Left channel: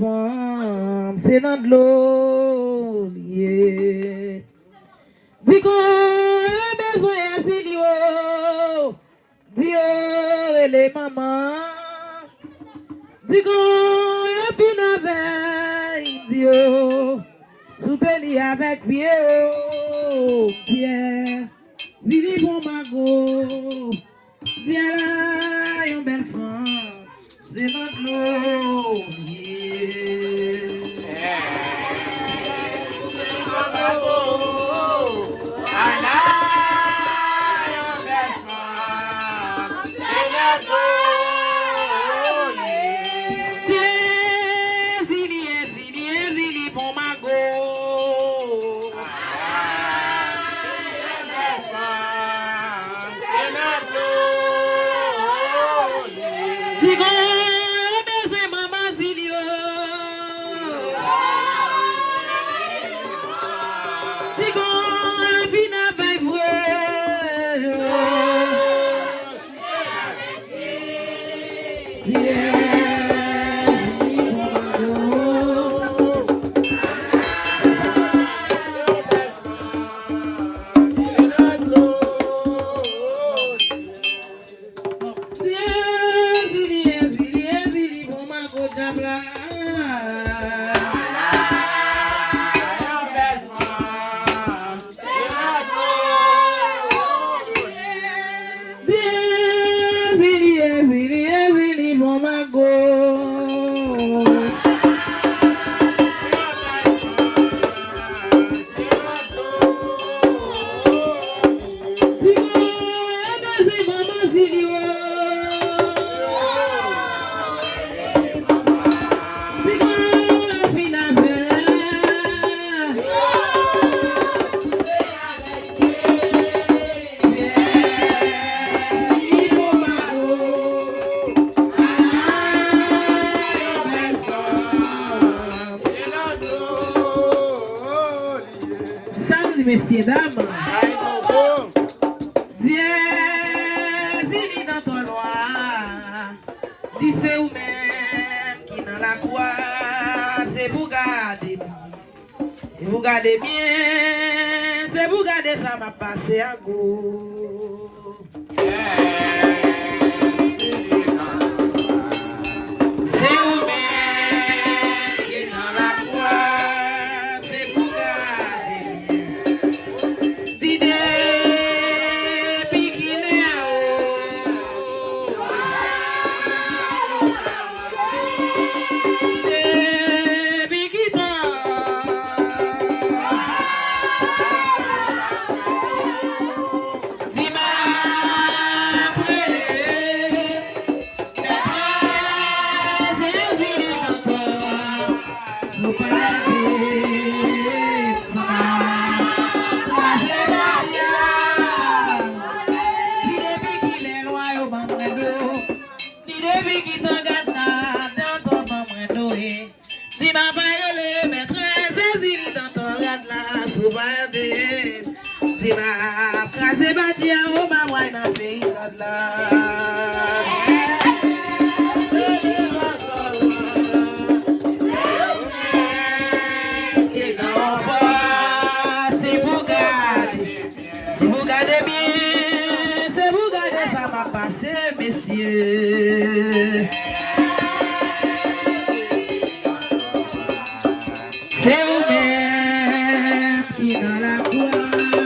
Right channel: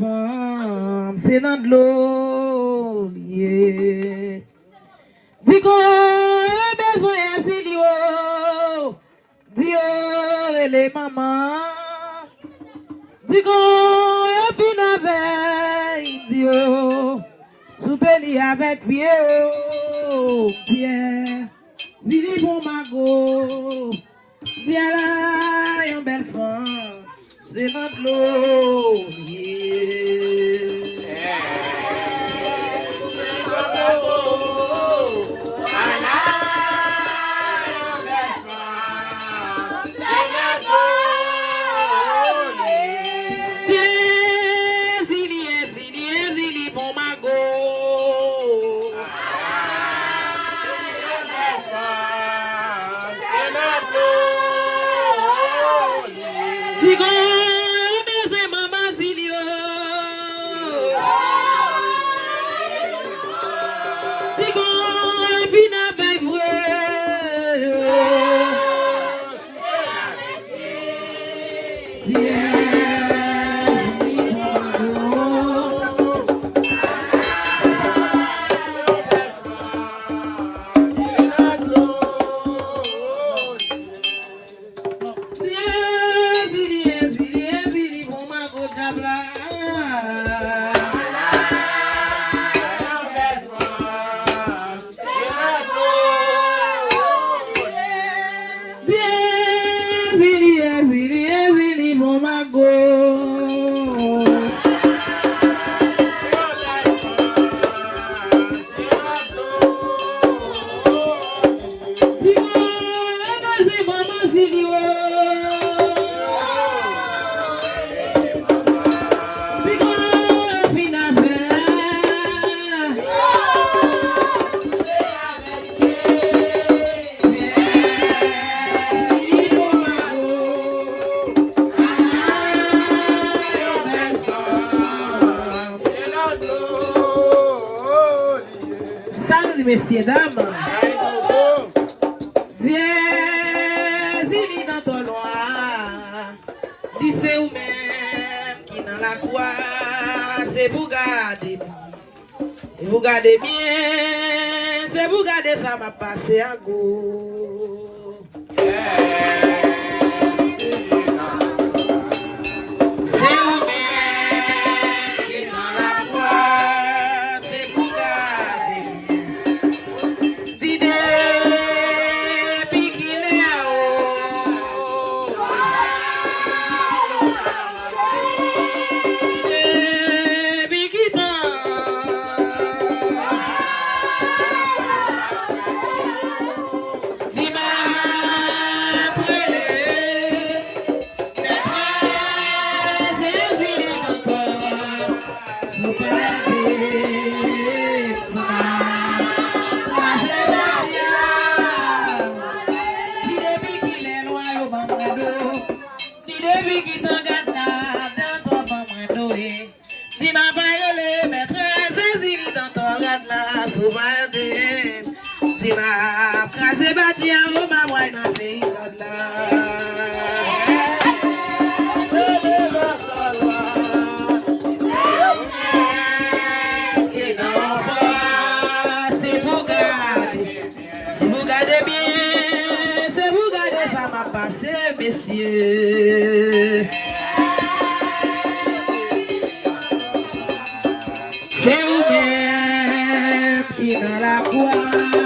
femme, c'est dans de l'eau. Yeah. Dis qu'on a besoin de Dieu. Dieu et les mamans. Dis qu'on a bien avec Dieu. Soupeli avec Pierre. Pierre. Dis bon mago. Dis à la une belle femme. C'est notre l'eau. Messieurs, dames, viens, dis dans ton loi, dis c'est vous-même qui dans la croix, c'est vous garder, et vous gardez bien, c'est vous garder ça m'a passé à go. C'est vous-même qui dans la croix.